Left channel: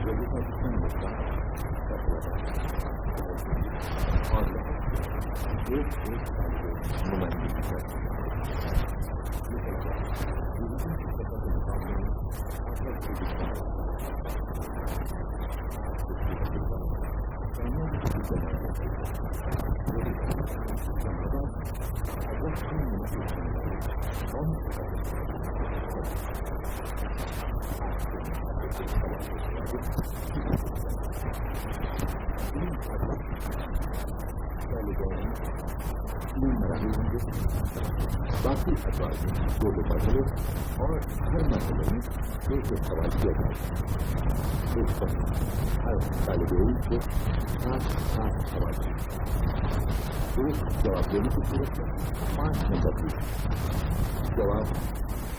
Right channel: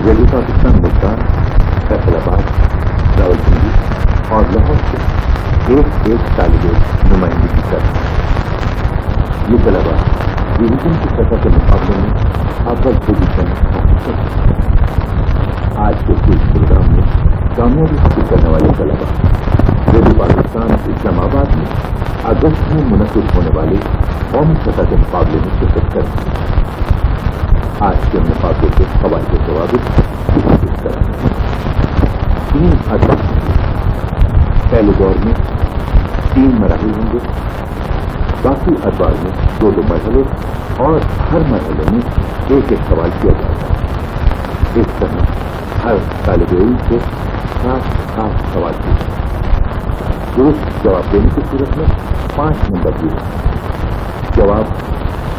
Radio Pakistan Multan, Faisalabad, Rawalpindi और लाहौर से एक तालिबे नुमाइंदगी कर ये तलबा डिवीजन की सतह के मुकाबले में अव्वल पोजीशन हासिल कर। आज के इस प्रोग्राम में कामयाबी हासिल करने वाले तलबा रेडियो पाकिस्तान इस्लामाबाद में अगस्त में मुनक़िद होने वाले कौमी सतह के मुकाबले में शिरकत कर आज के मुकाबले के सवाल के जवाब इस तरह 3 अदवार पहले दौर में 3 मराहिल होंगे, बाकी अदवार में 2 मरहले और हर मरहले में एक सवाल किया जाएगा। इस तरह हर तालिब इल्म से 7 सवाल किए दुरुस्त जवाब देने की सूरत में 5 नंबर दिए, जवाब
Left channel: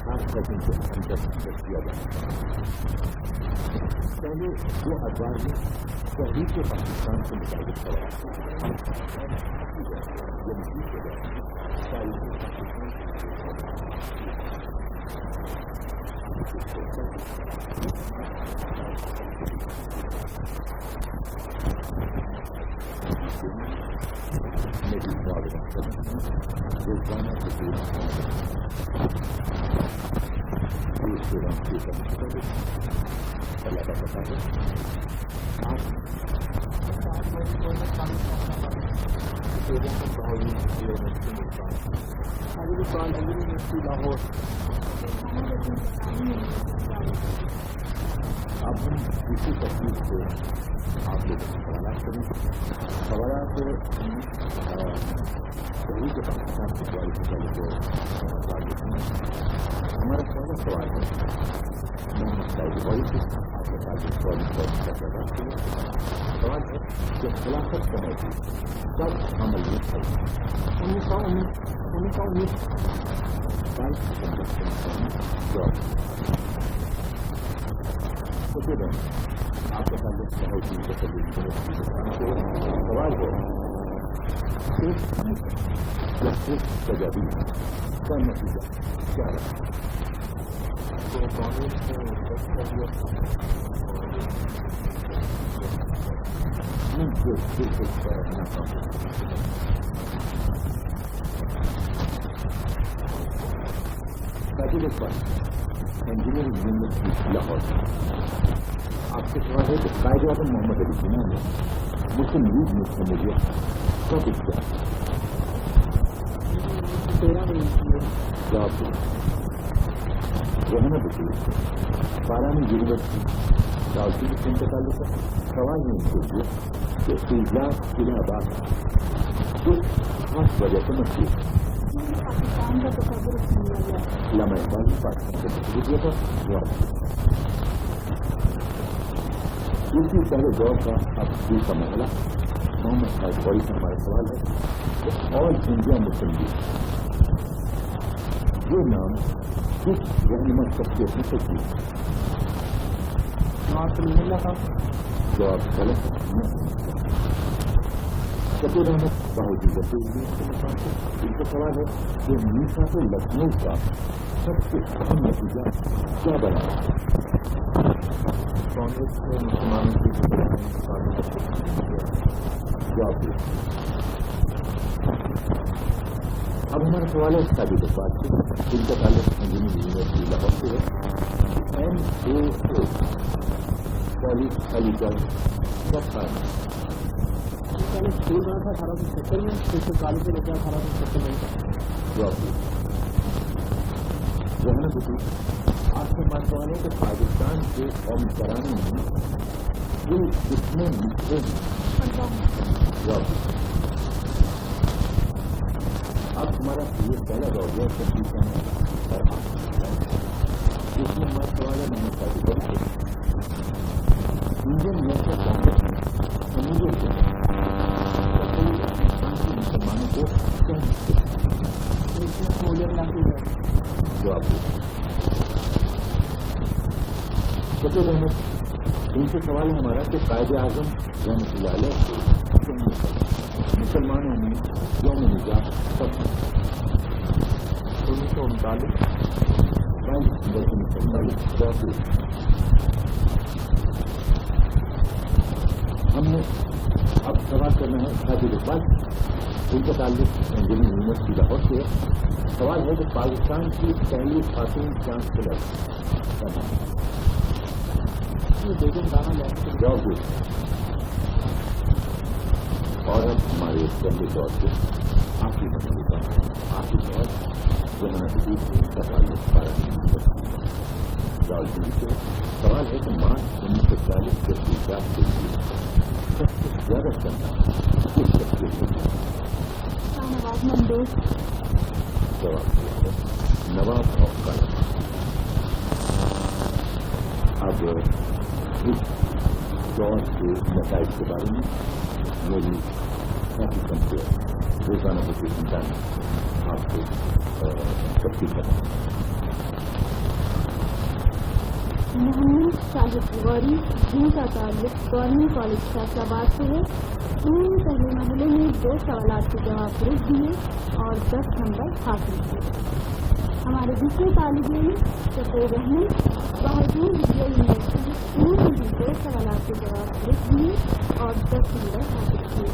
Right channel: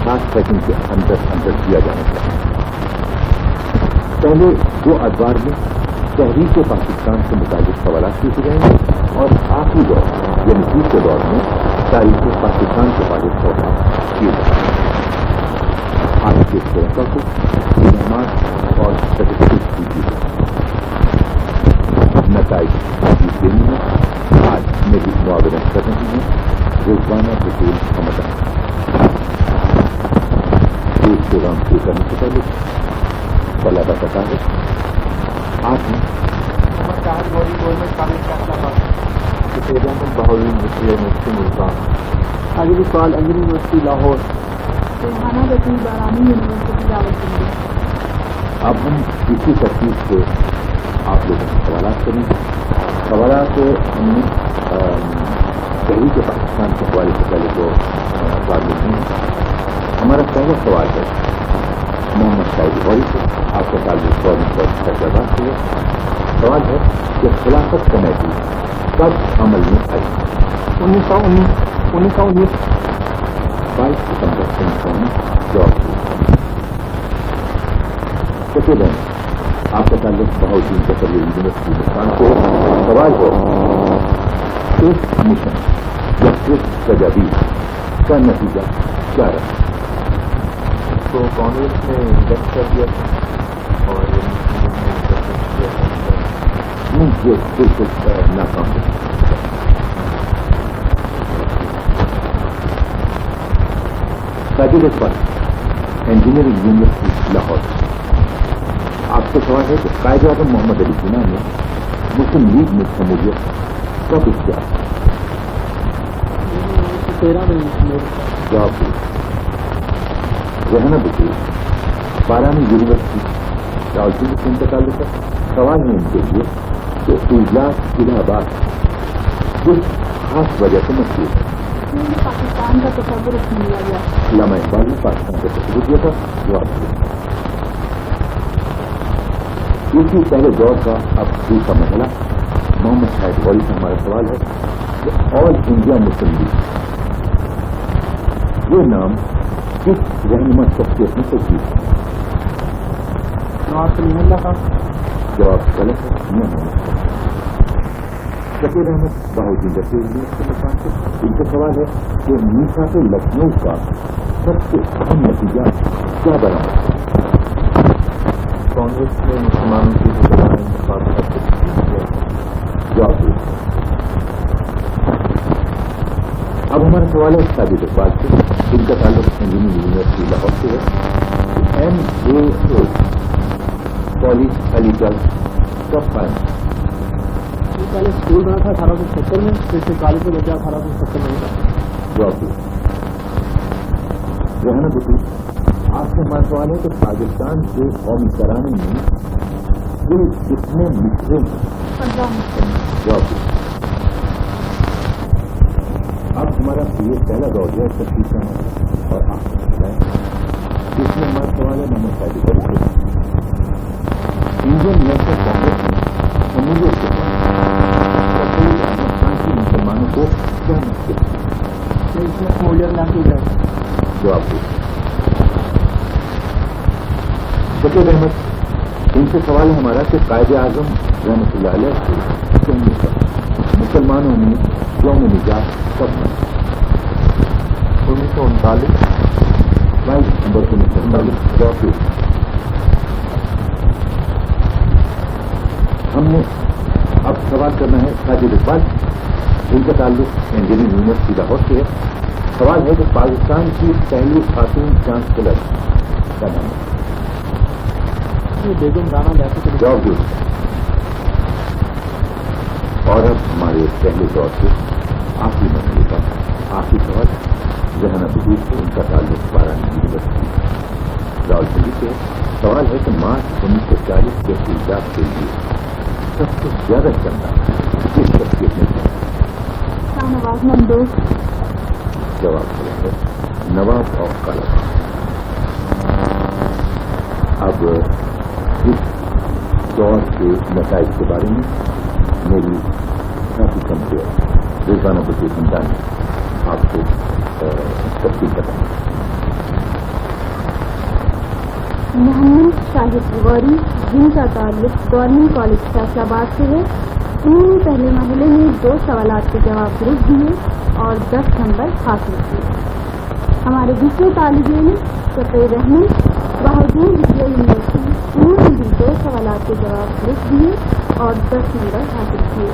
7 सेकंड के अंदर दिया जाना चाहिए। पहले 2 अदवार में तहरीक पाकिस्तान से मुताबिक सवाल पूछे जाएंगे और आखिरी दौर यानी तीसरे दौर में तारीख पाकिस्तान के बारे में सवाल किए जाएंगे। आज के श्रोता को इनामात और सर्टिफिकेट दीजिए। नताइज देने में आज मेरी मुआवनत कर रही हैं रोजाना बतूल हमदान। इस प्रोग्राम शुरू करने से पहले पहला बताता है आपने यूनिवर्सिटी मुल्तान, आगे भी सवाल अंजनी यूनिवर्सिटी लाहौर, अब हम इसी तरतीब से आप लोगों से सवाल करेंगे। सवाल हमने तहरीक पाकिस्तान के हवाले से पहले तो सवाल लिखे हैं। हमारा पहला सवाल है मोहम्मद शाहिद गौरी से, आपका ताल्लुक गवर्नमेंट कॉलेज फैसलाबाद से है। सवाल है कि खिलाफत कमेटी कब अमल में आई? 1919 22 सितंबर 1919 जवाब दिया। आपका ताल्लुक बहाउद्दीन जफरी यूनिवर्सिटी मुल्तान से। सवाल है इस मिशन जस्टिस तजावीज़ का नतीजा क्या रहा? तो कांग्रेस ने इंडेक्स कर दिया और ये बिल्कुल नाकाम है। Sajid Iqbal, engineering university Lahore. आपसे सवाल है कि कायद-ए-आज़म मोहम्मद अली जिन्ना ने मुस्लिम लीग में शमूलियत कब इख्तियार की? 13 में जवाब दिया। रहना बतूल, बारानी यूनिवर्सिटी रावलपिंडी से इनका ताल्लुक है। सवाल है इनके लिए कि इजलास इलाहाबाद किस खास वजह से मशहूर है? पाकिस्तान का तस्वुर लिया गया। अल्लामा इकबाल ने पाकिस्तान का तस्वुर दिया था। जवाब दिया। इसी पहले दौर का अब दूसरा मसला मोहम्मद शाहिद गौरी से हमारा सवाल है कि ऑल इंडिया मुस्लिम लीग ये नाम किस रहनुमा शख्सियत में तस्वीर है? नवाज सलीमुल्लाह का। जवाब गलत है। शकीर अहमद बहाउद्दीन जफरी यूनिवर्सिटी मुल्तान से। इनका सवाल है कि मीसाक़ लखनऊ का सबसे अहम नतीजा क्या बना? कांग्रेस ने मुसलमानों की जवाब दिया। अब हमारा सवाल है साजिद इकबाल से। इनका ताल्लुक इंजीनियरिंग यूनिवर्सिटी लाहौर से है। MAA कॉलेज अलीगढ़ कब कायम? पहले स्कूल बना था 1870 में, फिर से कॉलेज में लगा 1870 में। जवाब दिया। रहना बतूल, आपसे हमारा सवाल है कि पाकिस्तान के कौमी तराने में कुल कितने मिसरे हैं? 15। जवाब दिया। अब हमारा ये पहला दौर है तस्वीर और आपको इसमें हमारा सवाल है मोहम्मद शाहिद गौरी से। इंडियन नेशनल कांग्रेस में शमूलियत के बाद की मुसलमानों को क्या मुश्किल है? इसमें शमूलियत ना की जाए। जवाब दिया। शकीर अहमद, इनसे सवाल है हमारा कि कायद-ए-आज़म रहमतुल्लाह अलैह से मुसलमानों में यौम निजात कब है? 1939 22 दिसंबर 1939। जवाब दिया। میں اب سوال کرنا ہے ساجد اقبال، ان کا تعلق انجینئرنگ یونیورسٹی لاہور سے ہے. سوال ہے کہ پاکستان کی پہلی خاتون چانسلر کا نام ہے. بیگم رانا بیگم کے جواب دو. اور اب ہمارے پہلے دور کے آخری مرحلے کا آخری سوال ذہن بدور سے، ان کا تعلق بارانی یونیورسٹی راولپنڈی سے. سوال ہے کہ مارچ 1940 کے ایجاد کے لیے سب سے زیادہ چندہ کس شخصیت نے کیا؟ شاہنواز ممدوح. جواب دیا ہے نواب آف کالاباغ. اب اس دور کے نتائج کے بارے میں میری ساتھی کمزور روزانہ بطور انسان آپ کو تفصیل بتائیں. محمد شاہد غوری، جن کا تعلق گورنمنٹ کالج فیصل آباد سے ہے، انہوں نے پہلے مرحلے میں 2 سوالات کے جواب درست دیے اور 10 نمبر حاصل کیے. ہمارے دوسرے طالب علم شفیع رحمت بہادور ودیا یونیورسٹی، انہوں نے بھی 2 سوالات کے جواب درست دیے اور 10 نمبر حاصل کیے.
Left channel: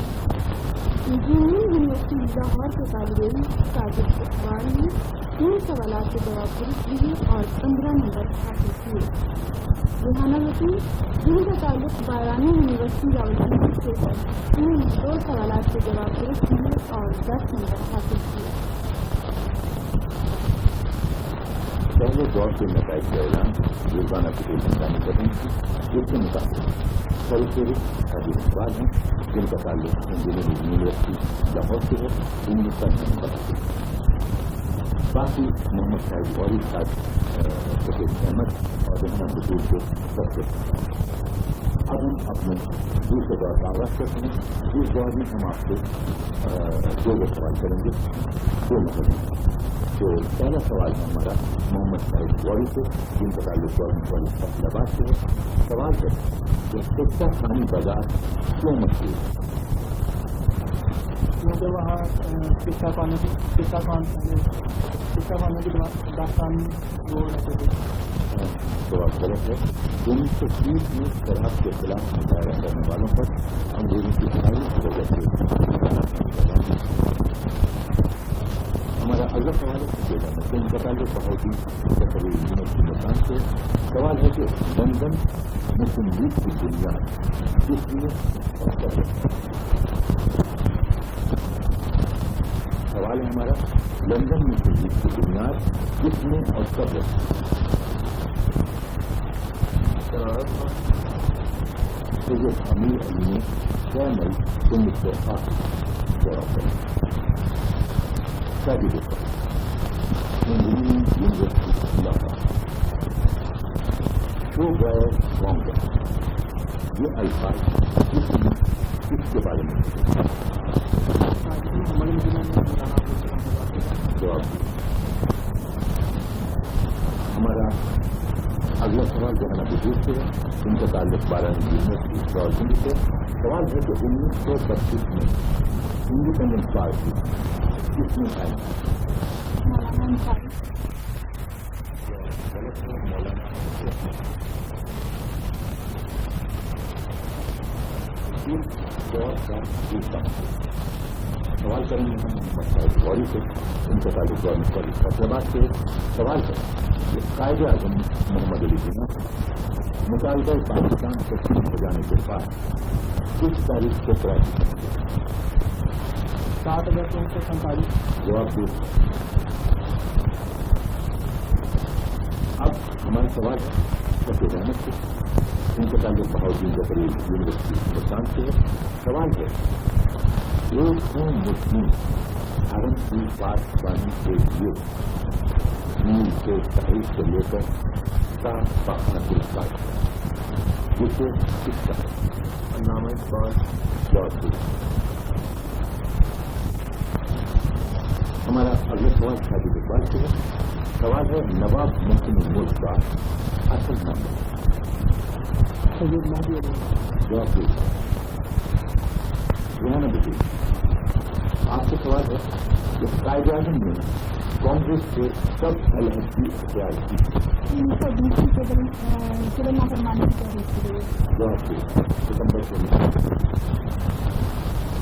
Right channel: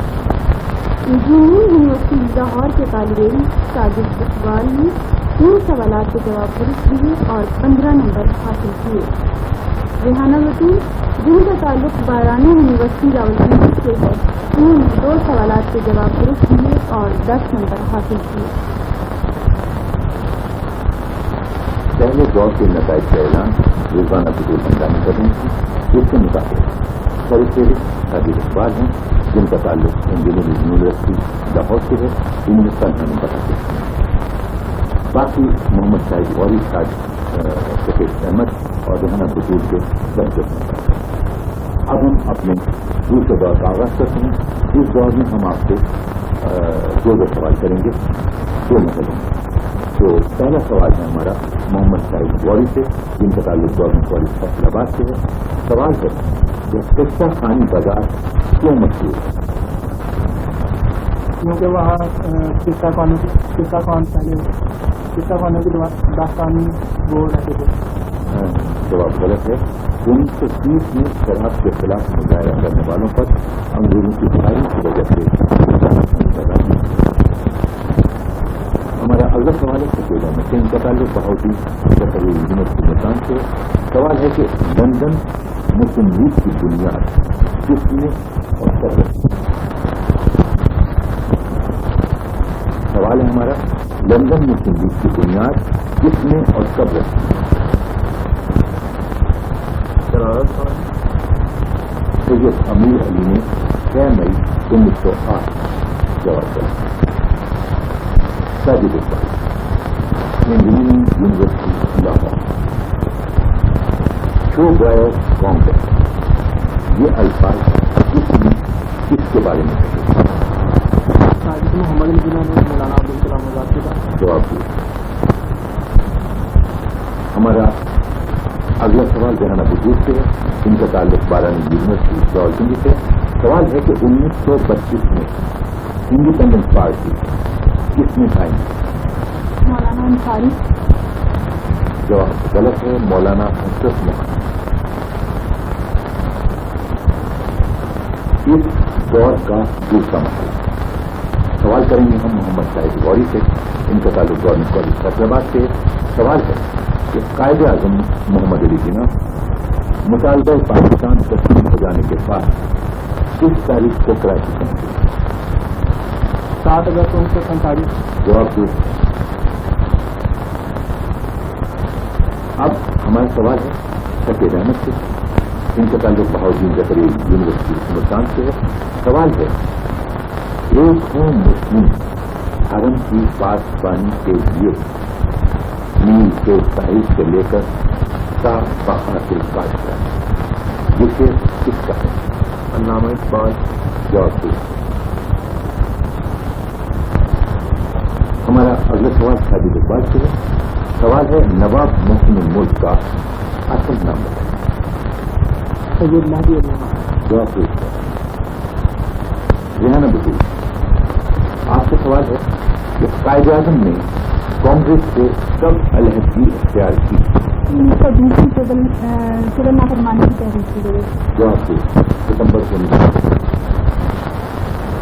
انجینئرنگ یونیورسٹی لاہور کے طالب علم ساجد اقبال نے 3 سوالات کے جواب درست دیے اور 15 نمبر حاصل کیے. ریحانہ بطور، جن کا تعلق بارانی یونیورسٹی راولپنڈی سے ہے، انہوں نے 2 سوالات کے جواب درست دیے اور 10 نمبر حاصل کیے. پہلے دور کے نتائج کا اعلان روزانہ بطور بندانی کر رہی تھی، جس کے مطابق سر فہرست ساجد اقبال ہیں، جن کا تعلق انجینئرنگ یونیورسٹی لاہور سے ہے، انہیں کا نام بتاتے ہیں. باقی محمد شاہد غوری، شفیع احمد اور ریحانہ بطور کے درجے. اب ہم اپنے دوسرے دور کا آغاز کرتے ہیں. اس دور میں ہم آپ کو 2 سوال کریں گے 2 مسئلوں میں. تو پہلا سوال ہے ہمارا محمد شاہد غوری سے، جن کا تعلق گورنمنٹ کالج فیصل آباد سے ہے. سوال ہے کہ قصہ خانی بازار کیوں مشہور ہے؟ کیونکہ وہاں قصہ خانوں کی داستانی وہ رہتے تھے. جواب غلط ہے. 1930 میں شراب کے خلاف مظاہرہ کرنے والوں پر انگریزوں کی فائرنگ کی وجہ سے. ہمارا اگلا سوال ہے سفید احمد سے، ان کا تعلق بہاؤدین ظفر یونیورسٹی ملتان سے. سوال ہے کہ لندن مسلم لیگ کی بنیاد کس نے اور کب رکھی؟ سوال ہے ہمارا لندن مسلم لیگ کی بنیاد کس نے اور کب رکھی؟ سید امیر علی نے 6 مئی 1908. جواب دیا ساجد اقبال، انجینئرنگ یونیورسٹی لاہور. شو گائر کانگریس، یہ الفاظ کس کے بارے میں کہے؟ محمد نبینا نے مولانا عبدالکلام آزاد کے بعد. جواب دیا. ہمارا اگلا سوال ریحانہ بطور سے ہے، ان کا تعلق بارانی یونیورسٹی راولپنڈی سے. سوال ہے کہ 1925 میں انڈیپینڈنس پارٹی کس نے قائم کی؟ مولانا انصاری. جواب غلط ہے، مولانا حسرت محمد. اس دور کا دوسرا مسئلہ. سوال کریں گے ہم محمد شاہد غوری سے، ان کا تعلق گورنمنٹ کالج فیصل آباد سے. سوال ہے کہ قائد اعظم محمد علی جناح مطالبہ پاکستان تسلیم ہو جانے کے بعد کس تاریخ کو کراچی پہنچے؟ 7 اگست 1947. جواب دو. اب ہمارا سوال ہے شفیع احمد سے، ان کا تعلق بہاؤدین ظفر یونیورسٹی ملتان سے ہے. سوال ہے ایک مسلم حرم کی پاسبانی کے لیے نیل کے ساحل سے لے کر تا بخاتل کاشتہ جسے کس کا ہے؟ علامہ اقبال. جواب دو. ہمارا اگلا سوال ساجد اقبال سے ہے. سوال ہے نواب محسن الملک کا اصل نام بتائیں. سید مہدی علی. جواب دو. ریحانہ بطور، آپ سے سوال ہے کہ قائد اعظم نے کانگریس سے کب علیحدگی اختیار کی؟ 1920 میں سول نافرمانی کی تحریک کی گئی. जवाब दे सितंबर से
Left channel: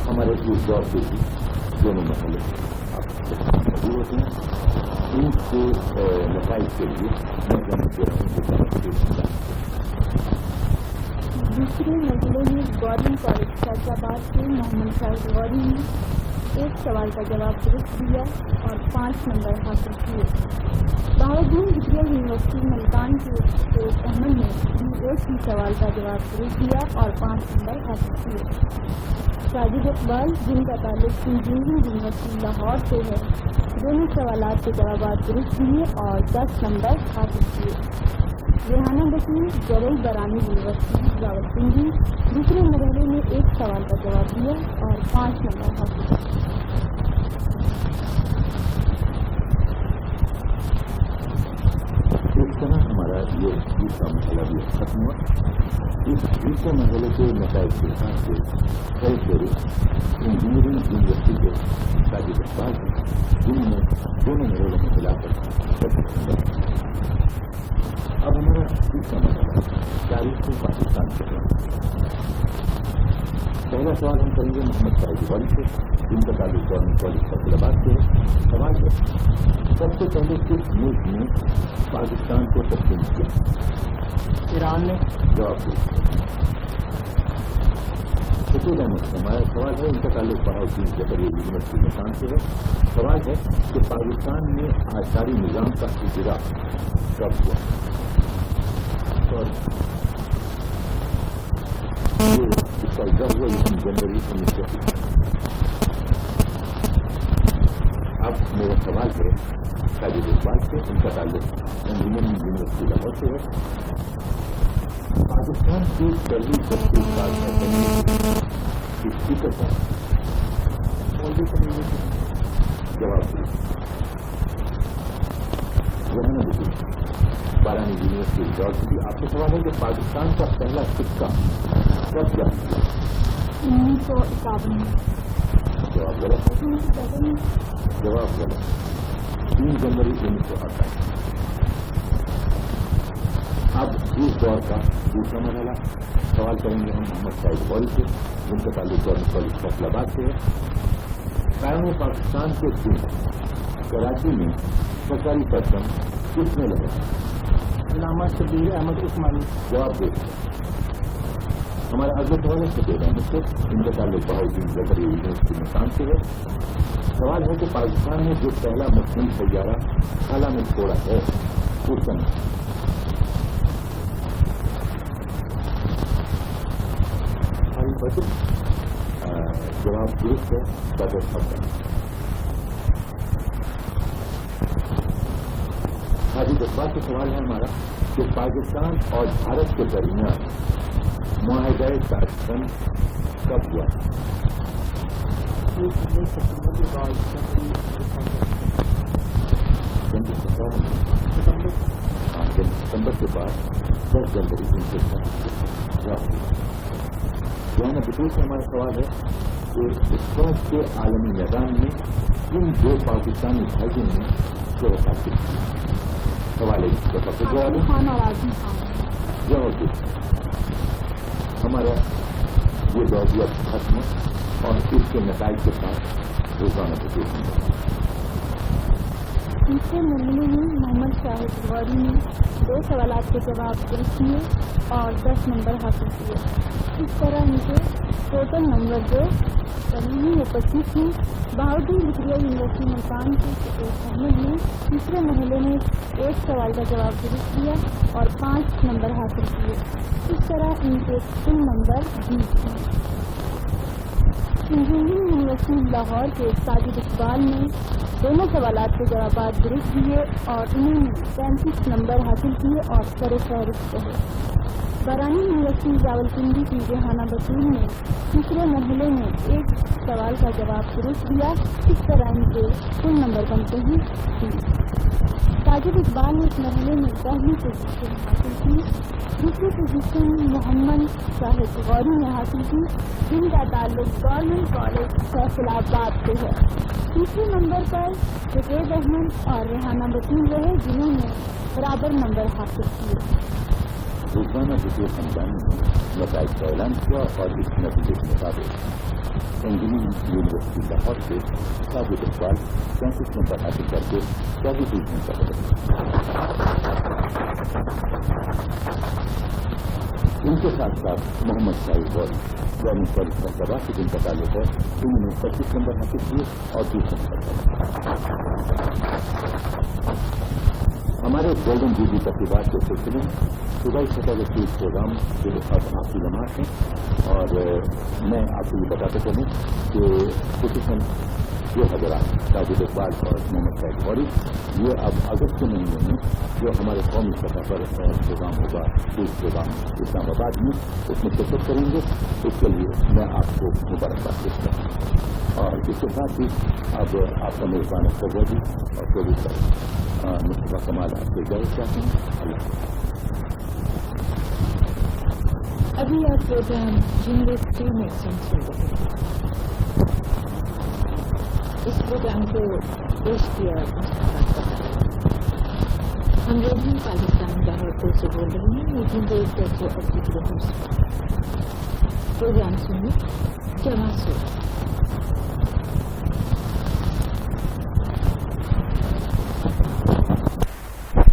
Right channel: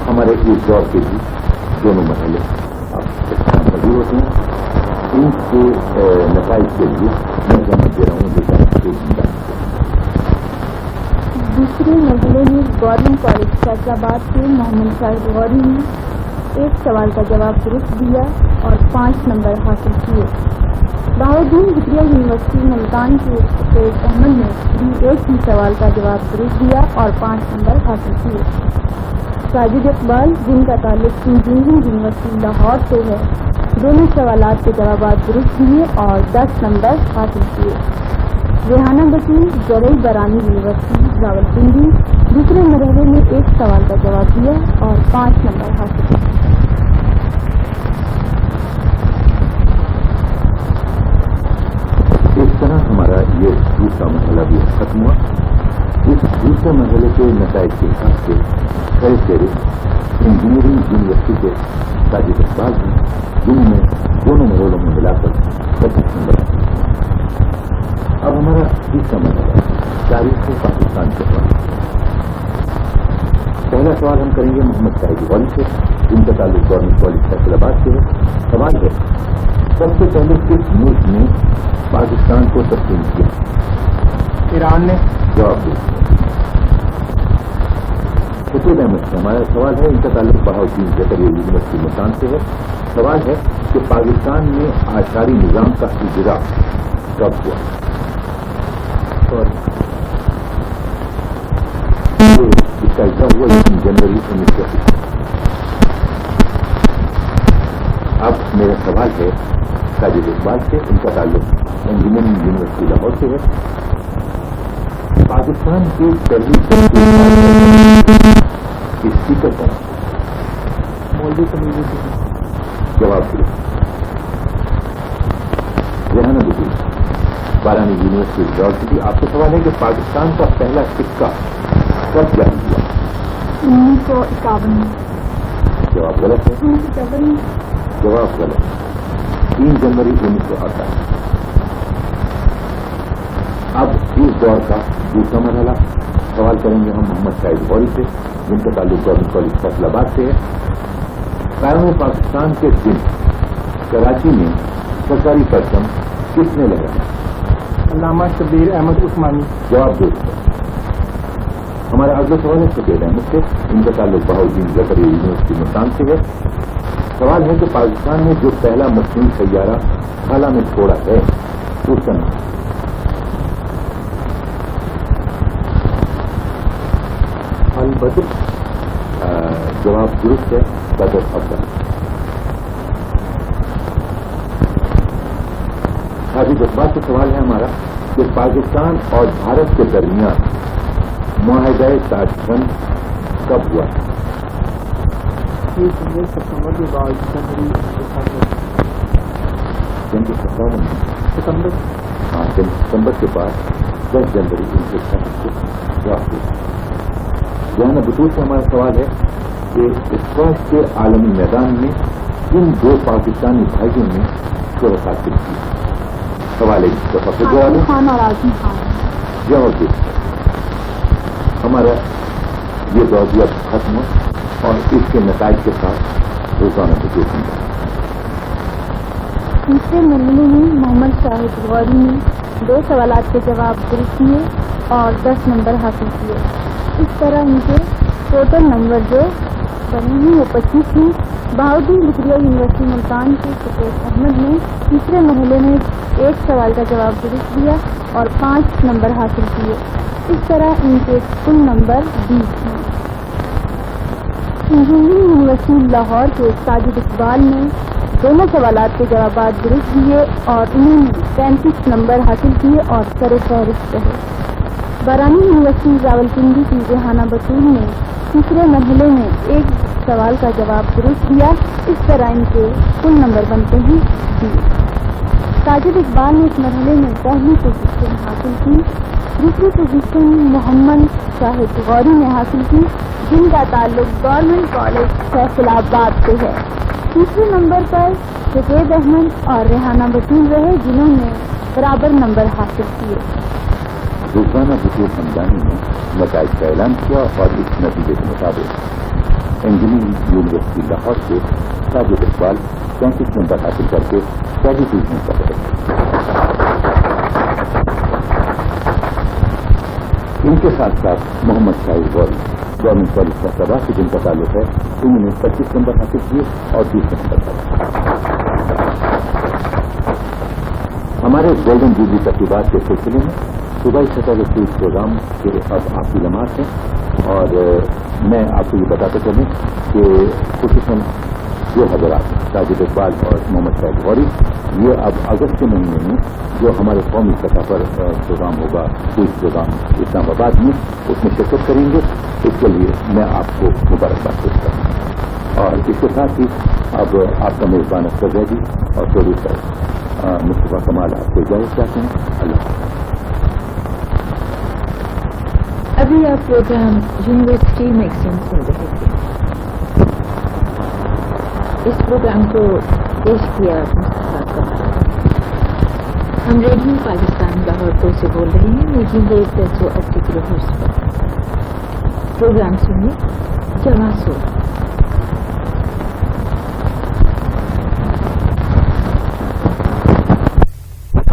हमारे इस दौर के भी दोनों मरहले मौजूद होते हैं। इनके नताइज के लिए मैं जमा दे रहा हूँ। दूसरे मरहले में गवर्नमेंट कॉलेज फैसलाबाद के मोहम्मद शाहिद गौरी ने एक सवाल का जवाब दुरुस्त दिया और 5 नंबर हासिल किए। बहाउद्दीन जिक्रिया यूनिवर्सिटी मुल्तान के सैयद अहमद ने भी एक ही सवाल का जवाब दुरुस्त दिया और 5 नंबर हासिल किए। साजिद इकबाल, जिनका ताल्लुक इंजीनियरिंग यूनिवर्सिटी लाहौर से है, दोनों सवालात के जवाब दुरुस्त दिए और 10 नंबर हासिल किए। रेहाना बशीर, जरई बरानी यूनिवर्सिटी रावलपिंडी, दूसरे मरहले में एक सवाल का जवाब दिया और 5 नंबर हासिल किए। इस तरह हमारा ये दूसरा मरहला भी खत्म हुआ। इस दूसरे मरहले के नताइज के हिसाब से कई फेरे इंजीनियरिंग यूनिवर्सिटी के साजिद इकबाल हैं, जिनमें दोनों मरहलों में मिलाकर 25 नंबर। अब हमारा तीसरा मरहला तारीख पाकिस्तान के बाद। पहला सवाल हम करेंगे मोहम्मद शाहिद गौरी से, जिनका ताल्लुक गवर्नमेंट कॉलेज फैसलाबाद से है। सवाल है, सबसे पहले किस मुल्क ने पाकिस्तान को तस्लीम किया? ईरान ने। जवाब दे। सफेद अहमद से हमारा सवाल है, इनका ताल्लुक बहाउद्दीन जकरिया यूनिवर्सिटी मुल्तान से है। सवाल है कि पाकिस्तान में आशारी निज़ाम का इजरा कब हुआ? इसका इजरा हुआ 3 जनवरी 1980। अब मेरा सवाल है साजिद इकबाल से, इनका ताल्लुक इंजीनियरिंग यूनिवर्सिटी लाहौर से है। पाकिस्तान की पहली स्पीकर कौन? मौलवी कमीज़। जवाब दिया। रेहाना बशीर, बारानी यूनिवर्सिटी जॉर्जिया। आपका सवाल है कि पाकिस्तान का पहला सिक्का कब जारी हुआ? 1951 में। जवाब गलत है। 1951 में। जवाब गलत। 3 जनवरी 1988। अब इस दौर का दूसरा मरहला सवाल करेंगे हम मोहम्मद शाहिद गौरी से, जिनका ताल्लुक गवर्नमेंट कॉलेज फैसलाबाद से है। कायम पाकिस्तान के दिन कराची में सरकारी परचम किसने लगाया? अल्लामा शबीर अहमद उस्मानी। जवाब दे। हमारा अगला सवाल है सफेद अहमद से, इनका ताल्लुक बहाउद्दीन जकरिया यूनिवर्सिटी मुल्तान से है। सवाल है कि पाकिस्तान ने जो पहला मसनूई सैयारा खाला में छोड़ा है उसका नाम? बदर। जवाब दुरुस्त है, बदर अब्दल। साजिद इकबाल से सवाल है हमारा कि पाकिस्तान और भारत के दरमियान मुआहदा ताशकंद कब हुआ? 30 सितंबर के बाद जनवरी 57। हाँ, सितंबर के बाद 10 जनवरी 1960 को जवाब दिया। रेहाना बशीर से हमारा सवाल है कि स्क्वाश के आलमी मैदान में इन 2 पाकिस्तानी भाइयों ने शोहरत हासिल की? सवाल है खान और आजम खान। जवाब दे। हमारा ये दौर भी अब खत्म हो और इसके नताइज के साथ रोजाना बशीर होंगे। तीसरे मरहले में मोहम्मद शाहिद गौरी ने 2 सवालात के जवाब दुरुस्त किए और 10 नंबर हासिल किए। इस तरह उनके टोटल नंबर जो बने हैं वो 25 हैं। बहाउद्दीन जिक्रिया यूनिवर्सिटी मुल्तान के सफेद अहमद ने तीसरे मरहले में एक सवाल का जवाब दुरुस्त दिया और 5 नंबर हासिल किए। इस तरह इनके कुल नंबर 20 हैं। इंजीनियरिंग यूनिवर्सिटी लाहौर के साजिद इकबाल ने दोनों सवालात के जवाब दुरुस्त दिए और उन्होंने 35 नंबर हासिल किए और सरे फहरिस्त रहे। बरानी यूनिवर्सिटी रावलपिंडी की रेहाना बशीर ने तीसरे मरहले में एक सवाल का जवाब दुरुस्त दिया। इस तरह इनके कुल नंबर बनते हैं 20। साजिद इकबाल ने इस मरहले में पहली पोजीशन हासिल की। दूसरी पोजीशन मोहम्मद शाहिद गौरी ने हासिल की, जिनका ताल्लुक गवर्नमेंट कॉलेज फैसलाबाद से है। तीसरे नंबर पर सफेद अहमद और रेहाना बशीर रहे, जिन्होंने बराबर नंबर हासिल किए। روزانہ بطور ہمدانی نے نتائج کا اعلان کیا اور اس نتیجے کے مطابق انجینئرنگ یونیورسٹی لاہور سے ساجد اقبال 35 نمبر حاصل کر کے پہلی ڈویژن پر رہے. ان کے ساتھ ساتھ محمد شاہد غوری گورنمنٹ کالج فیصلہ سے جن کا تعلق ہے انہوں نے 25 نمبر حاصل کیے اور 20 نمبر پر. ہمارے گولڈن جوبلی تقریبات کے سلسلے میں صوبائی سطح کے کچھ پروگرام کے اب آخری لمحات ہیں اور میں آپ کو یہ بتاتا چلوں کہ خصوصاً یہ حضرات ساجد اقبال اور محمد شاہد غوری یہ اب اگست کے مہینے میں جو ہمارے قومی سطح پر پروگرام ہوگا کوئی پروگرام اسلام آباد میں اس میں شرکت کریں گے. اس کے لیے میں آپ کو مبارکباد پیش کروں گا اور اس کے ساتھ ہی اب آپ کا میزبان اختر زیدی اور پروڈیوسر مصطفیٰ کمال آپ کو اجازت چاہتے ہیں. اللہ حافظ. ابھی آپ پروگرام یونیورسٹی میگزین سن رہے تھے. اس پروگرام کو پیش کیا مصطفیٰ کمال. ہم ریڈیو پاکستان لاہور کو سے بول رہے ہیں میگزین ریڈ 1080 کلو ہرٹز پر. پروگرام سنیے جمع سو.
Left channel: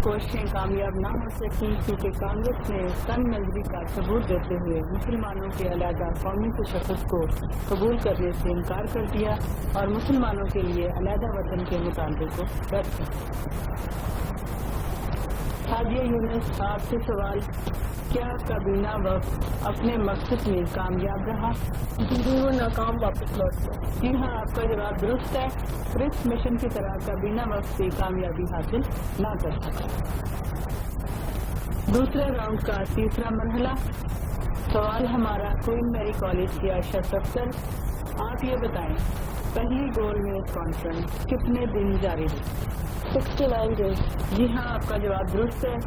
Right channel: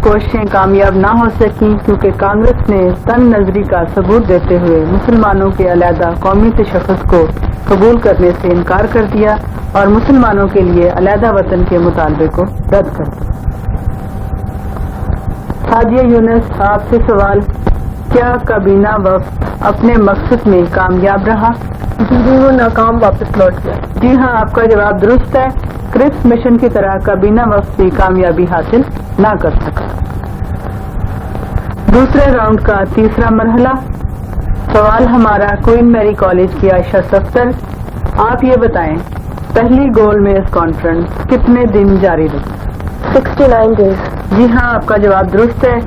کوششیں کامیاب نہ ہو سکیں کیونکہ کانگریس نے تنگ نظری کا ثبوت دیتے ہوئے مسلمانوں کے علیحدہ قومی تشخص کو قبول کرنے سے انکار کر دیا اور مسلمانوں کے لیے علیحدہ وطن کے مطالبے کو رد کر دیا. سعدیہ یونس آپ سے سوال, کیا کابینہ وفد اپنے مقصد میں کامیاب رہا؟ جی وہ ناکام واپس لوٹ گیا. جی ہاں, آپ کا جواب درست ہے. کرپس مشن کی طرح کابینہ وفد بھی کامیابی حاصل نہ کر سکا. دوسرے راؤنڈ کا تیسرا مرحلہ. سوال ہمارا کوئین میری کالج کی عائشہ صفدر, آپ یہ بتائیں پہلی گول میز کانفرنس کتنے دن جاری رہی؟ 69 ڈیز. جی ہاں, آپ کا جواب درست ہے.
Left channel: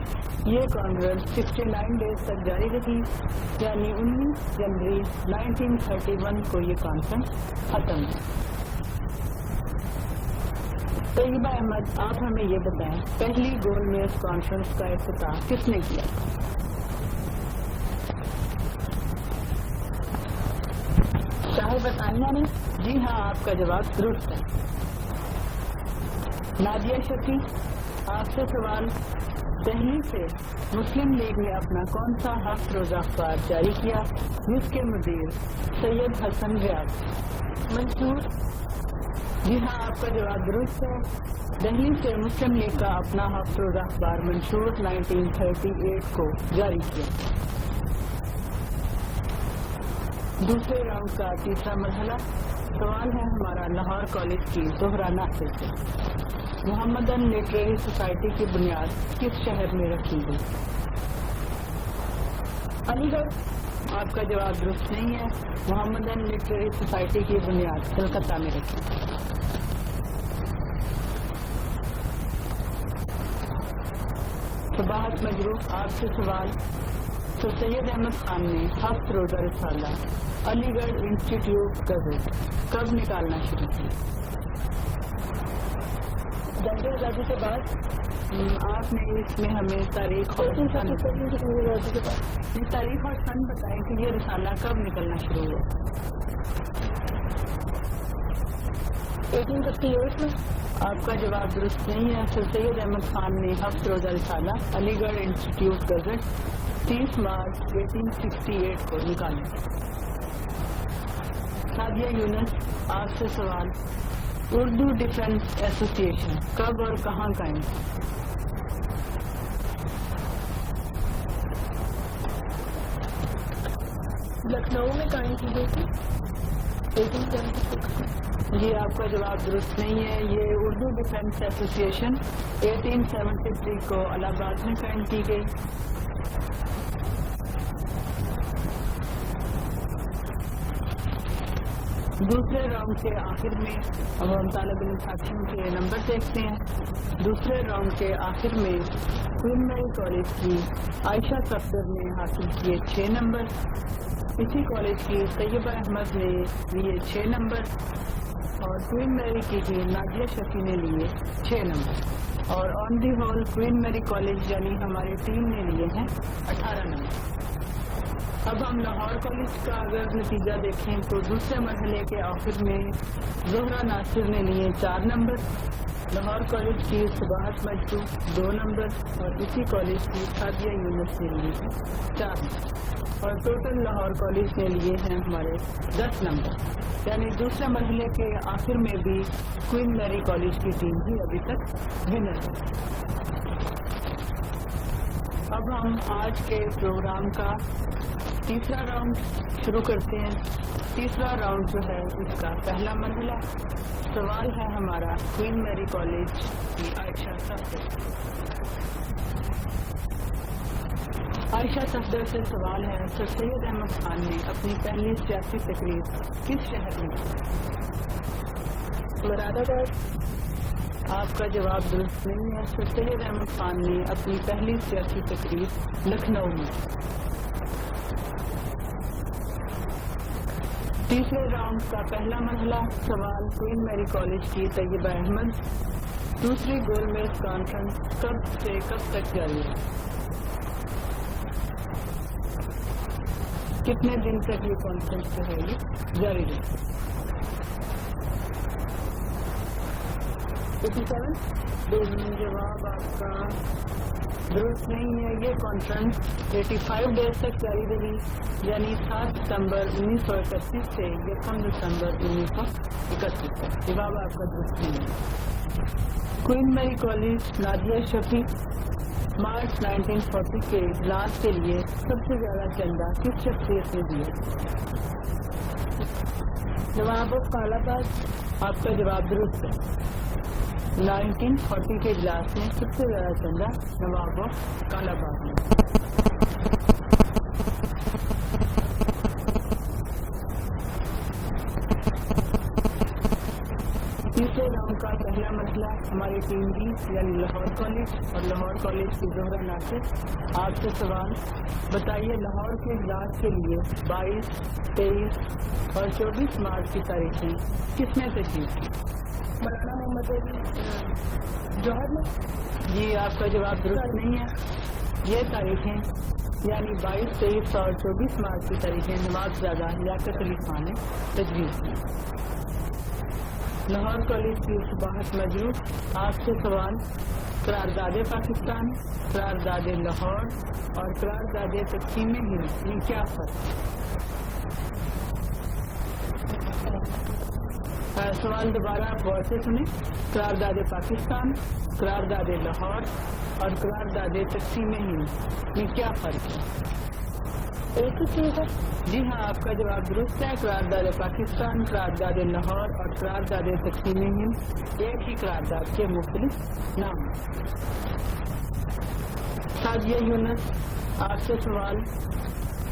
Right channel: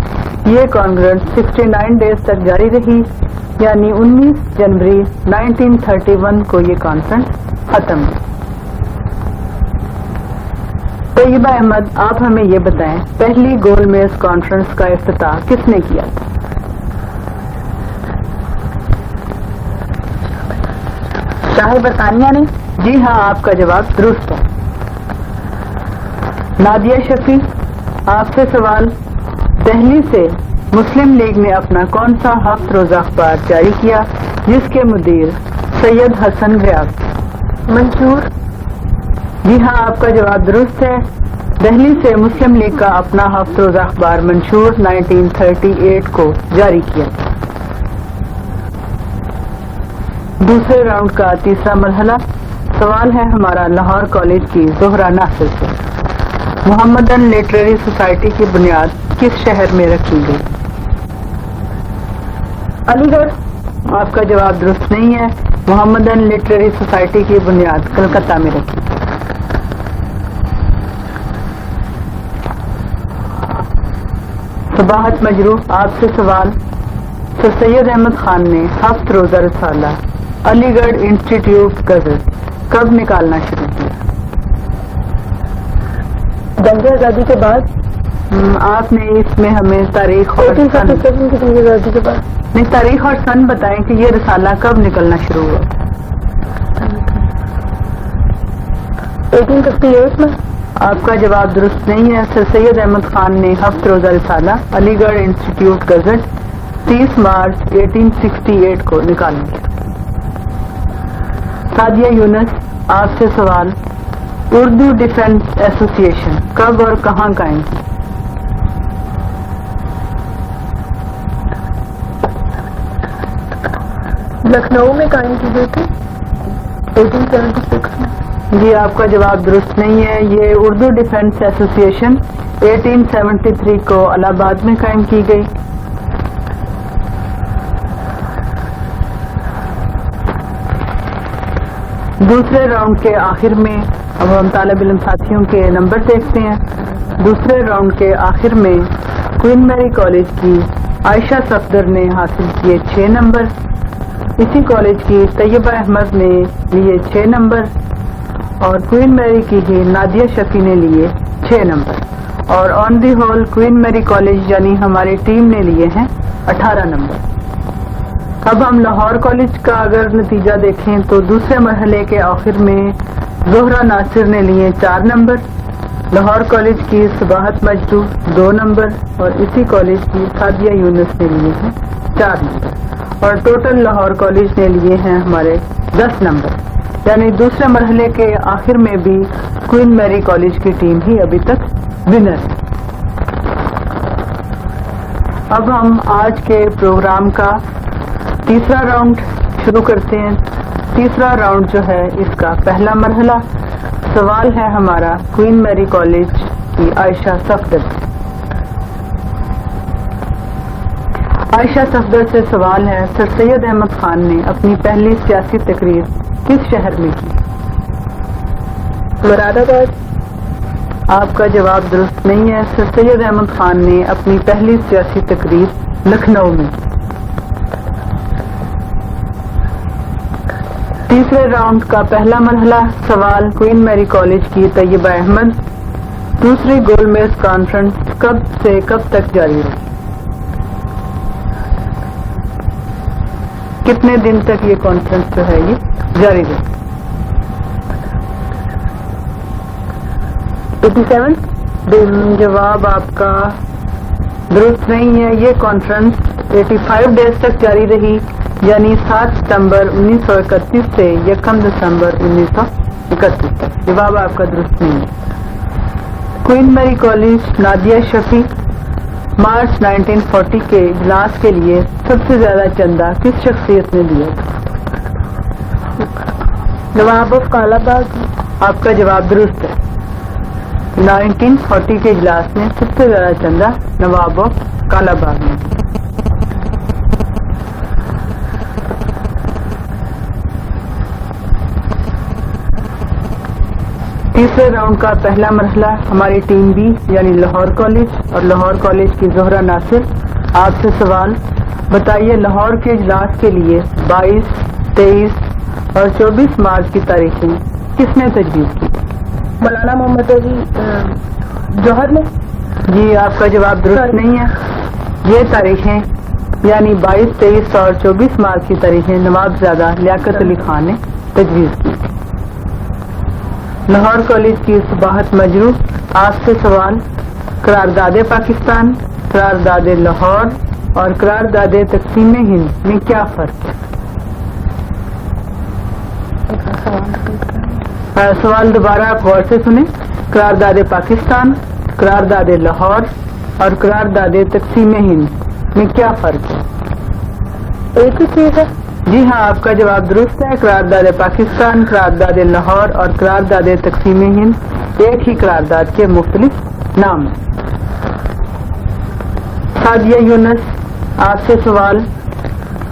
یہ کانفرنس 69 ڈیز تک جاری رہی, یعنی 19 جنوری 1931 کو یہ کانفرنس ختم ہوئی. طیبہ احمد, آپ ہمیں یہ بتائیں پہلی گول میز کانفرنس کا افتتاح کس نے کیا تھا؟ شاہ برطانیہ نے. جی ہاں, آپ کا جواب درست ہے. نادیہ شفیع, آپ سے سوال دہلی سے مسلم لیگ نے اپنا کون سا ہفت روزہ اخبار جاری کیا جس کے مدیر سید حسن ریاض تھے؟ منشور. جی ہاں, آپ کا جواب درست ہے. دہلی سے مسلم لیگ کا اپنا ہفت روزہ اخبار منشور 1938 کو جاری کیا. دوسرے راؤنڈ کا تیسرا مرحلہ. سوال ہے ہمارا لاہور کالج کی زہرا ناصر سے, محمدن لٹریری سوسائٹی کی بنیاد کس شہر میں رکھی گئی؟ علی گڑھ. آپ کا جواب درست نہیں ہے. محمدن لٹریری سوسائٹی کی بنیاد کلکتہ میں رکھی. صباحت مجروح, آپ سے سوال سر سید احمد خان نے ہفت روزہ رسالہ علی گڑھ انسٹیٹیوٹ غزل کب نکالنا شروع کیا؟ جنگ آزادی کے بعد. آپ نے اس میں ہمیں تاریخ اور سن جنگ آزادی کے بعد نہیں, تاریخ اور سن بتائیں کہ یہ رسالہ کب نکلنا شروع ہوا؟ 1858 میں. آپ کا جواب درست نہیں ہے. سر سید احمد خان نے ہفت روزہ رسالہ علی گڑھ انسٹیٹیوٹ گزٹ 30 مارچ 1868 کو نکالا. سعدیہ یونس, آپ سے سوال اردو ڈیفنس ایسوسی ایشن کب اور کہاں قائم کی؟ لکھنؤ میں قائم کی گئی تھی 1876 میں. جی آپ کا جواب درست نہیں ہے. یہ اردو ڈیفنس ایسوسی ایشن 1873 کو الہ آباد میں قائم کی گئی. دوسرے راؤنڈ کے آخر میں اب ہم طالب علم ساتھیوں کے نمبر دیکھتے ہیں. دوسرے راؤنڈ کے آخر میں کوئین میری کالج کی عائشہ صفدر نے حاصل کیے 6 نمبر. اسی کالج کی طیبہ احمد نے لیے 6 نمبر اور کوئین میری کی ہی نادیہ شفیع نے لیے 6 نمبر اور آن دی ہول کوئین میری کالج یعنی ہماری ٹیم نے لیے ہیں 18 नंबर। अब हम लाहौर कॉलेज का अगर नतीजा देखें तो दूसरे मरहले के आखिर में ज़ोहरा नासिर ने लिए 4 नंबर, लाहौर कॉलेज की सबाहत मजदू 2 नंबर और इसी कॉलेज की सादिया यूनुस ने लिए हैं 4 नंबर और टोटल लाहौर कॉलेज ने लिए हैं हमारे 10 नंबर। यानी दूसरे मरहले के आखिर में भी क्वीन मैरी कॉलेज की टीम ही अभी तक विनर है। अब हम आज के प्रोग्राम का तीसरा राउंड शुरू करते हैं। तीसरा राउंड जो है इसका पहला मरहला, सवाल है हमारा क्वीन मैरी कॉलेज की आयशा सफदर से। आयशा सफदर से सवाल है, सर सैयद अहमद खान ने अपनी पहली सियासी तकरीर किस शहर में की? मुरादाबाद। आपका जवाब दुरुस्त नहीं है। सर सैयद अहमद खान ने अपनी पहली सियासी तकरीर लखनऊ में की। तीसरे राउंड का पहला मरहला, सवाल क्वीन मैरी कॉलेज की तैयबा अहमद, दूसरी गोलमेज कॉन्फ्रेंस कब से कब तक जारी रही? कितने दिन तक ये कॉन्फ्रेंस जो है ये जारी रही? 87। जवाब आपका दुरुस्त नहीं है। ये कॉन्फ्रेंस 85 डेज तक जारी रही, यानी 7 सितंबर 1931 से 1 दिसंबर 1931 तक। जवाब आपका दुरुस्त नहीं है। Queen Mary college Nadia Shafi March 1940 के इजलास के लिए सबसे ज्यादा चंदा किस शख्सियत ने दिया? नवाब ऑफ कालाबाग। आपका जवाब दुरुस्त है। 1940 के इजलास में सबसे ज्यादा चंदा नवाब ऑफ कालाबाग ने। तीसरे राउंड का पहला मरहला, हमारी टीम बी यानी लाहौर कॉलेज और लाहौर कॉलेज की ज़ोहरा नासिर। आपसे सवाल, बताइए लाहौर के इजलास के लिए 22, 23 और 24 मार्च की तारीखें किसने तजवीज़ की? मौलाना मोहम्मद अली जौहर ने। जी आपका जवाब दुरुस्त नहीं है। ये तारीखें यानी 22, 23 और 24 मार्च की तारीखें नवाबजादा लियाकत अली खान ने तजवीज़ की। लाहौर कॉलेज की सबाहत मजरू। आपसे सवाल, करारदाद पाकिस्तान, करारदाद लाहौर और करारदाद तकसीम हिंद में क्या फर्क है? सवाल दोबारा आप गौर से सुने। करारदाद पाकिस्तान, करारदाद लाहौर और करारदाद तकसीम हिंद में क्या फर्क है? एक ही चीज है। जी हाँ, आपका जवाब दुरुस्त है। करारदाद पाकिस्तान, करारदाद लाहौर और करारदाद तकसीम हिंद एक ही करारदाद के मुख्तलिफ नाम हैं। सादिया यूनुस, आपसे सवाल,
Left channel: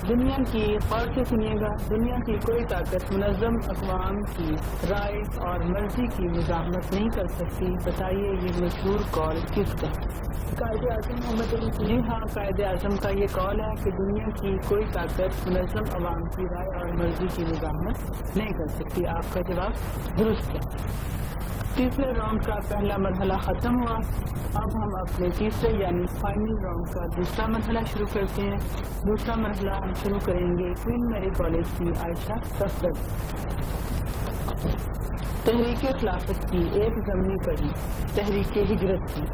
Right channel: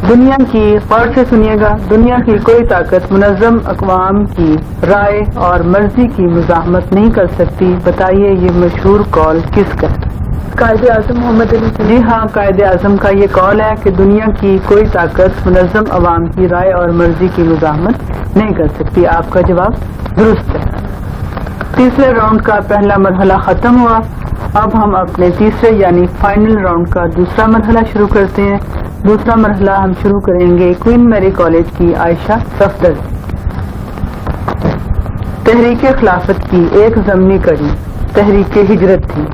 दुनिया की, गौर से सुनिएगा, दुनिया की कोई ताकत मुनज़्ज़म अक़वाम की राय और मर्जी की मुज़ाहमत नहीं कर सकती। बताइए ये मशहूर कौल किसका? कायदे आज़म मोहम्मद अली। जी हाँ, कायदे आज़म का ये कौल है कि दुनिया की कोई ताकत मुनज़्ज़म अवाम की राय और मर्जी की मुज़ाहमत नहीं कर सकती। आपका जवाब दुरुस्त है। तीसरे राउंड का पहला मरहला ख़त्म हुआ। अब हम अपने तीसरे यानी फाइनल राउंड का दूसरा मरहला शुरू करते हैं। दूसरा मरहला हम शुरू करेंगे क्वीन मैरी कॉलेज की आयशा सफदर। तहरीक खिलाफत की एक ज़मनी कड़ी तहरीक हिजरत थी।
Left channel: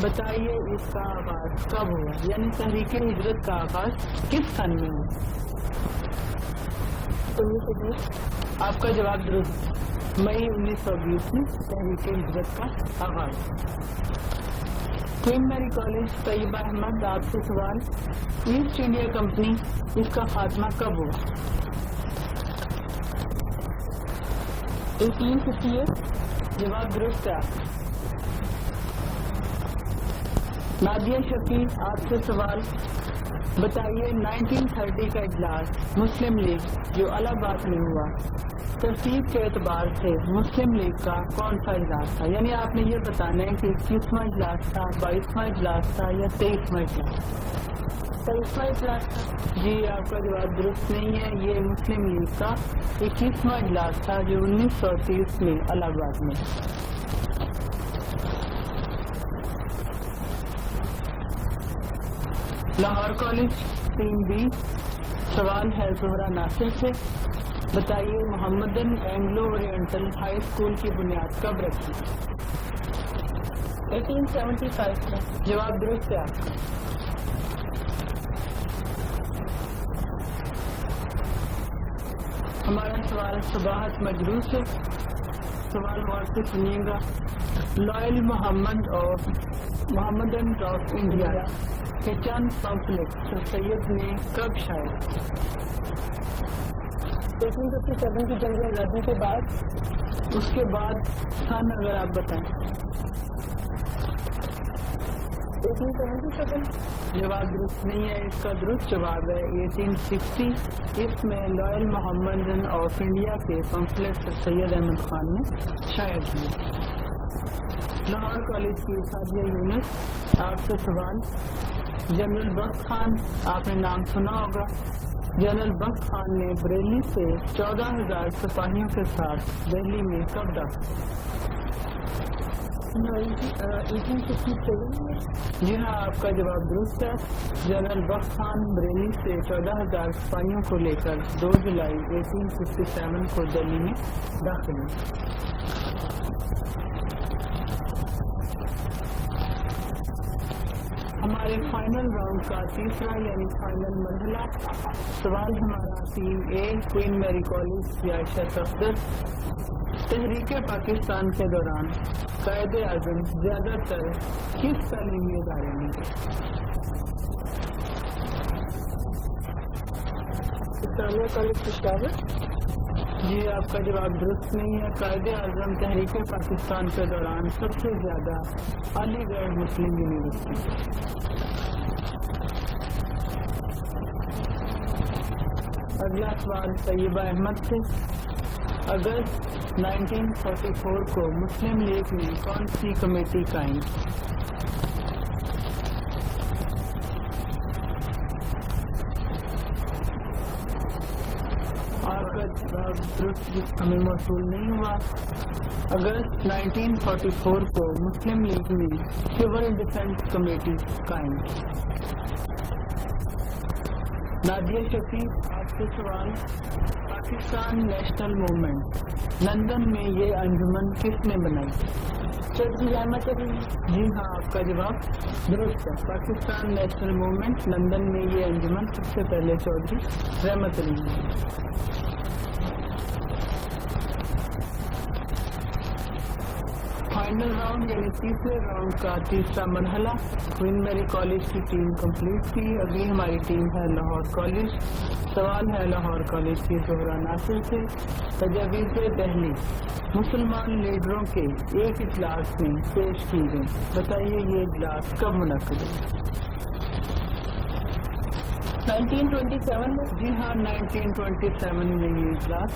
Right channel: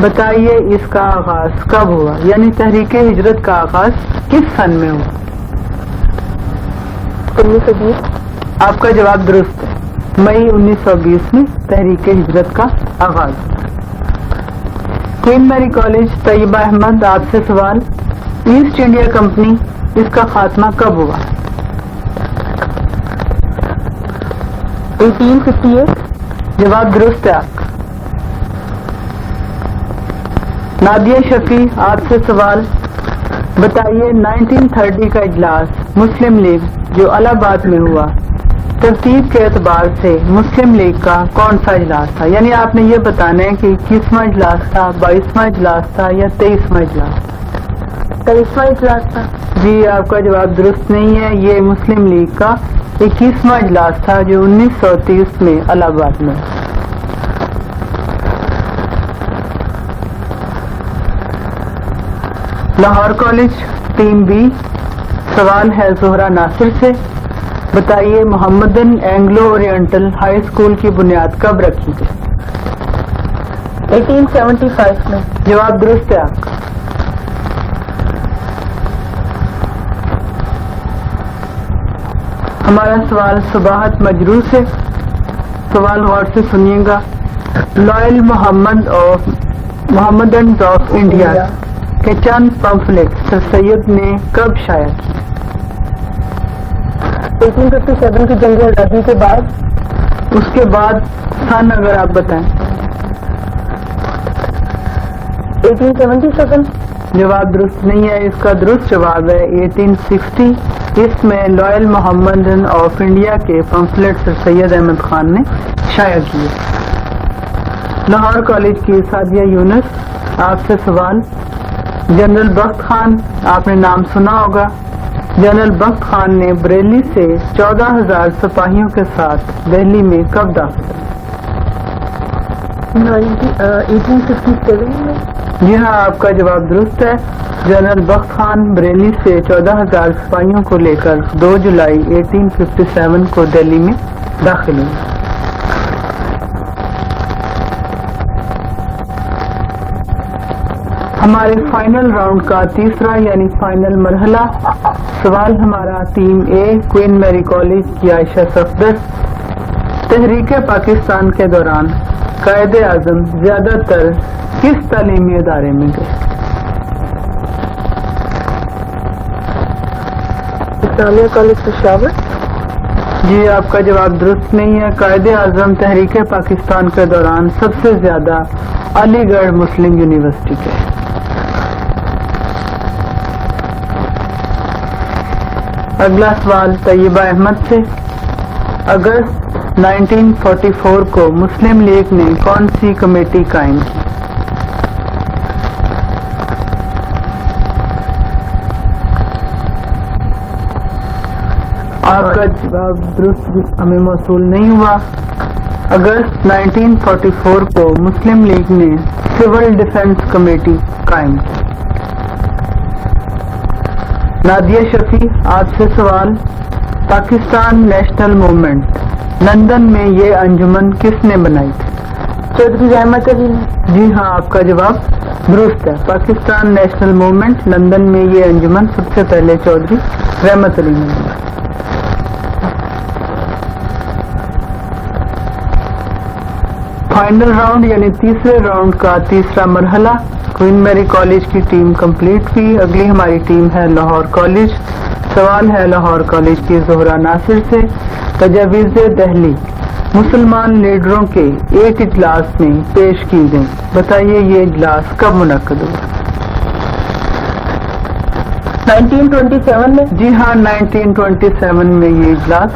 बताइए इसका आगाज कब हुआ, यानी तहरीक हिजरत का आगाज किस सन में हुआ? 1920। आपका जवाब दुरुस्त है। मई 1920 में तहरीक हिजरत का आगाज। Queen Mary College Tayyaba Ahmad, आपसे सवाल, ईस्ट इंडिया कंपनी इसका खात्मा कब हुआ? 1858। जवाब दुरुस्त है आपका। नादिया शफी, आपसे सवाल, बताइए 1930 का इजलास मुस्लिम लीग जो इलाहाबाद में हुआ, तरतीब के एतबार से मुस्लिम लीग का कौन सा इजलास था? यानी आपने ये बताना है कि 21वां इजलास था, 22वां इजलास था या 23वां इजलास? 23वां इजलास था। जी आपका जवाब दुरुस्त नहीं है। ये मुस्लिम लीग का 21वां इजलास था जो 1930 में इलाहाबाद में। लाहौर कॉलेज टीम बी, सवाल है जोहरा नासिर से, बताइए Mohammedan Anglo oriental high school की बुनियाद कब रखी गई? 1875 में। जवाब दुरुस्त है आपका। हमारा सवाल सुबाहत मजरू से, सवाल गौर से सुनिएगा। लॉयल मोहम्मदन ऑफ इंडिया के चंद पंफलेट सर सैयद ने कब शाया किए? 1857 की जंग आजादी के बाद। उसके बाद सन अगर आप बताएं। 1877। जवाब दुरुस्त नहीं है, इसका दुरुस्त जवाब है 1860। इसमें लॉयल मोहम्मदन ऑफ इंडिया के पंफलेट सर सैयद अहमद खान ने शाया किए। लाहौर कॉलेज की सादिया यूनुस, आपसे सवाल। जनरल बख्त खान, आपने नाम सुना होगा। जनरल बख्त खान ने बरेली से 14,000 सिपाहियों के साथ दिल्ली में कब दाखिल? 1857 में। जी हाँ, आपका जवाब दुरुस्त है। जनरल बख्त खान बरेली से 14,000 सिपाहियों को लेकर 2 जुलाई 1857 को दिल्ली में दाखिल हुए। हमारे फाइनल राउंड का तीसरा यानी फाइनल मरहला, सवाल हमारा team A Queen Mary College की आयशा सफदर, तहरीक पाकिस्तान के दौरान कायदे आजम ज्यादातर किस तालीमी इदारे में गए? इस्लामिया कॉलेज पेशावर। जी, आपका जवाब दुरुस्त नहीं है। कायदे आजम तहरीक पाकिस्तान के दौरान सबसे ज्यादा अलीगढ़ मुस्लिम यूनिवर्सिटी के। अगला सवाल तैयबा अहमद से, अगस्त 1944 को मुस्लिम लीग ने कौन सी कमेटी कायम की? आपका जवाब दुरुस्त हमें मौसूल नहीं हुआ। अगस्त 1944 को मुस्लिम लीग ने सिविल डिफेंस कमेटी कायम की। नादिया शफी, आपसे सवाल। पाकिस्तान नेशनल मूवमेंट लंदन में ये अंजुमन किसने बनाई थी? चौधरी रहमत अली ने। जी हाँ, आपका जवाब दुरुस्त है। पाकिस्तान नेशनल मूवमेंट लंदन में ये अंजुमन सबसे पहले चौधरी रहमत अली ने बनाई। फाइनल राउंड यानी तीसरे राउंड का तीसरा मरहला, क्वीन मैरी कॉलेज की टीम कंप्लीट हुई। अगली हमारी टीम है लाहौर कॉलेज। सवाल है लाहौर कॉलेज की जोहरा नासिर से, तजावीज़ दहली मुसलमान लीडरों के एक इजलास में पेश की गई, बताइए ये इजलास कब मुनक्कद हुआ? 1927 में। जी हाँ, 1927 में ये इजलास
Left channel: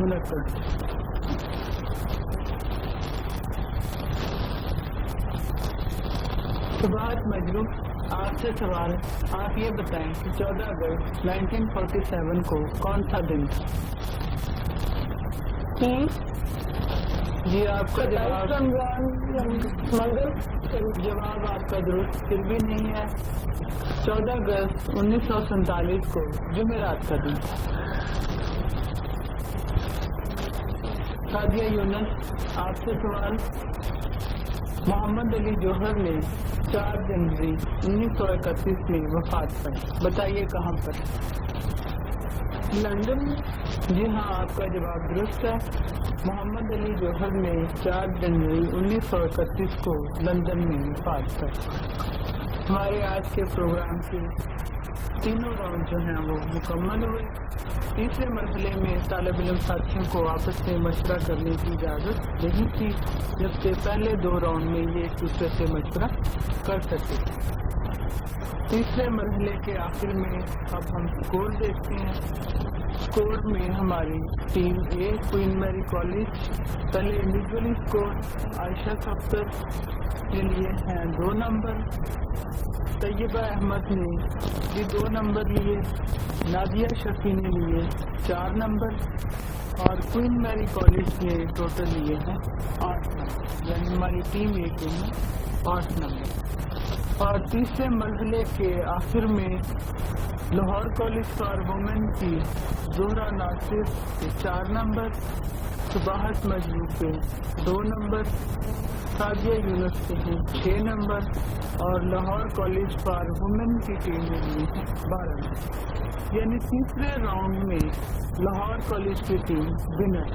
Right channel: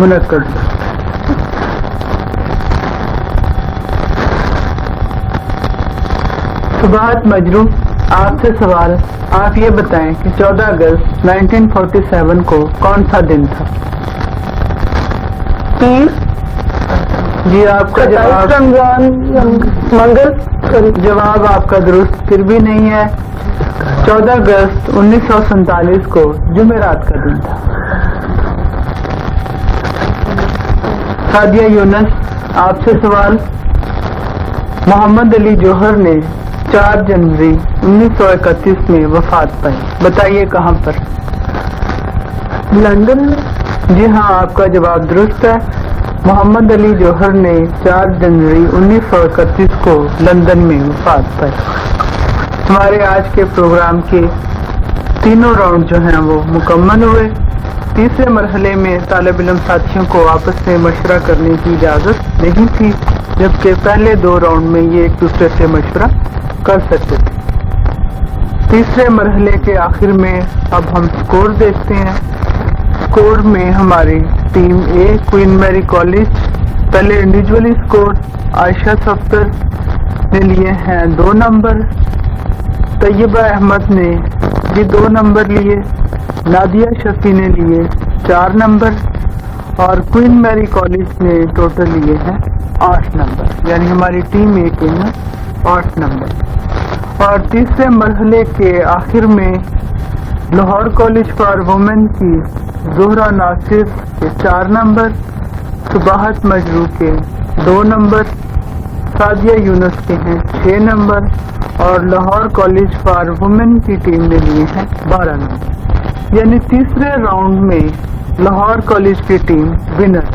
मुनक्कद हुआ। सुबाहत मजरू, आपसे सवाल। आप ये बताएं कि 14 अगस्त 1947 को कौन सा दिन था? जी, आपका जवाब मंगल। जवाब आपका दुरुस्त फिर भी नहीं है। 14 अगस्त 1947 को जुमेरात का दिन था। सादिया यूनुस, आपसे सवाल। मोहम्मद अली जौहर ने 4 जनवरी 1931 में वफात पाई, बताइए कहाँ पर? लंदन में। जी हाँ, आपका जवाब दुरुस्त है। मोहम्मद अली जौहर ने 4 जनवरी 1931 को लंदन में वफात पाई। हमारे आज के प्रोग्राम के तीनों राउंड जो हैं वो मुकम्मल हुए। तीसरे मरहले में तालिब इल्म साथियों को आपस में मशवरा करने की इजाज़त नहीं थी, जबकि पहले 2 राउंड में ये एक दूसरे से मशवरा कर सकते थे। तीसरे मरहले के आखिर में अब हम स्कोर देखते हैं। स्कोर में हमारी team A Queen Mary College, पहले इंडिविजुअली स्कोर आयशा सफदर ने लिए हैं 2 नंबर, तैयबा अहमद ने भी 2 नंबर लिए, नादिया शफी ने लिए 4 नंबर और क्वीन मैरी कॉलेज ने टोटल लिए हैं 8 नंबर, यानी हमारी टीम ए के 8 नंबर। और तीसरे मरहले के आखिर में लाहौर कॉलेज फॉर वुमेन की ज़ोहरा नासिर के 4 नंबर, सुबाहत मजरू के 2 नंबर, सादिया यूनुस के हैं 6 नंबर और लाहौर कॉलेज फॉर वुमेन की टीम ने लिए हैं 12 नंबर। यानी तीसरे राउंड में लाहौर कॉलेज की टीम विनर।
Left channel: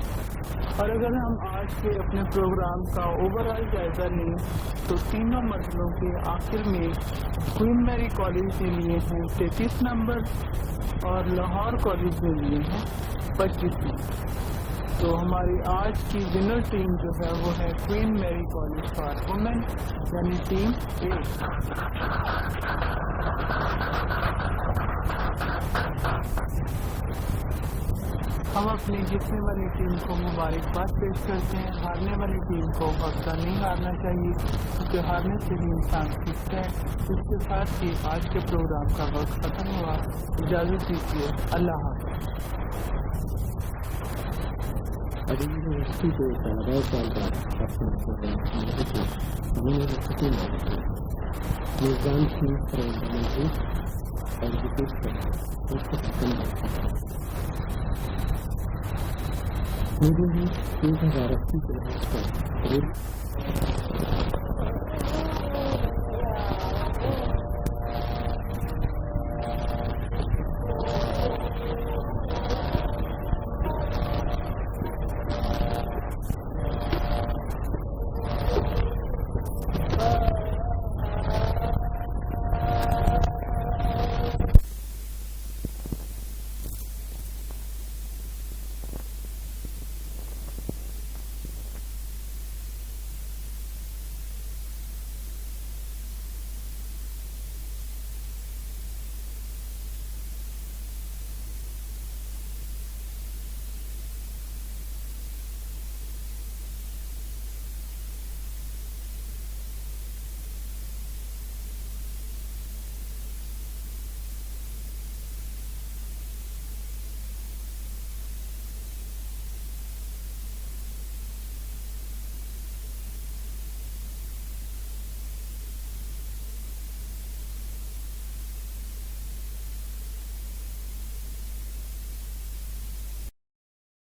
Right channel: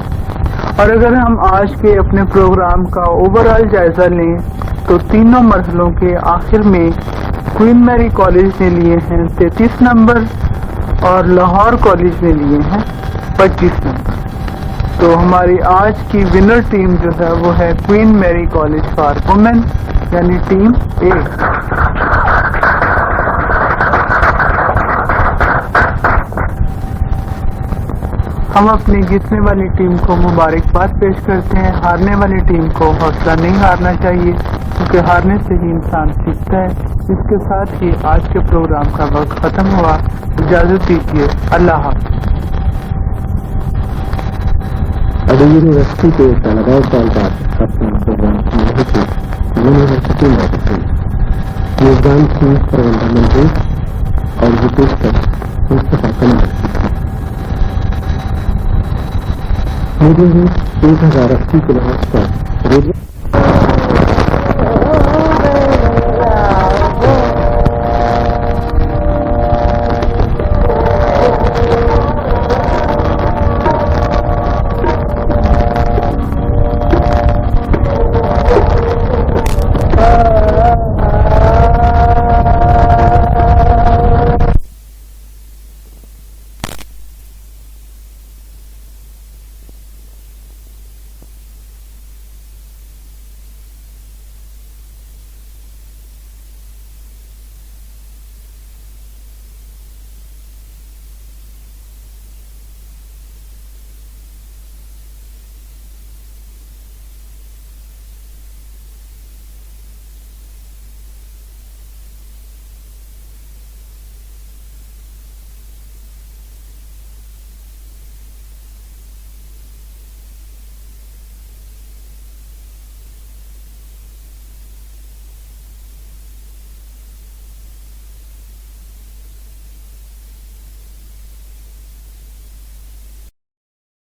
और अगर हम आज के अपने प्रोग्राम का ओवरऑल जायजा लें तो तीनों मरहलों के आखिर में क्वीन मैरी कॉलेज ने लिए हैं 33 नंबर और लाहौर कॉलेज ने लिए हैं 25 नंबर। तो हमारी आज की विनर टीम जो है वो है Queen Mary College for Women यानी टीम ए। हम अपनी जीतने वाली टीम को मुबारकबाद पेश करते हैं। हारने वाली टीम को हौसला नहीं हारना चाहिए क्योंकि हारने से ही इंसान सीखता है। इसके साथ ही आज के प्रोग्राम का वक्त खत्म हुआ। इजाजत दीजिए, अल्लाह हाफ़िज़। अभी यूनिवर्सिटी के तलबा साल बाद अपना प्रोग्राम समाप्त की यूनिवर्सिटी मैगजीन मेजबान थी प्रबंधन मंत्री और विशेष कर मुस्तफा कमल। मुझे 1080 किलोहर्ट्ज़ पर रेडियो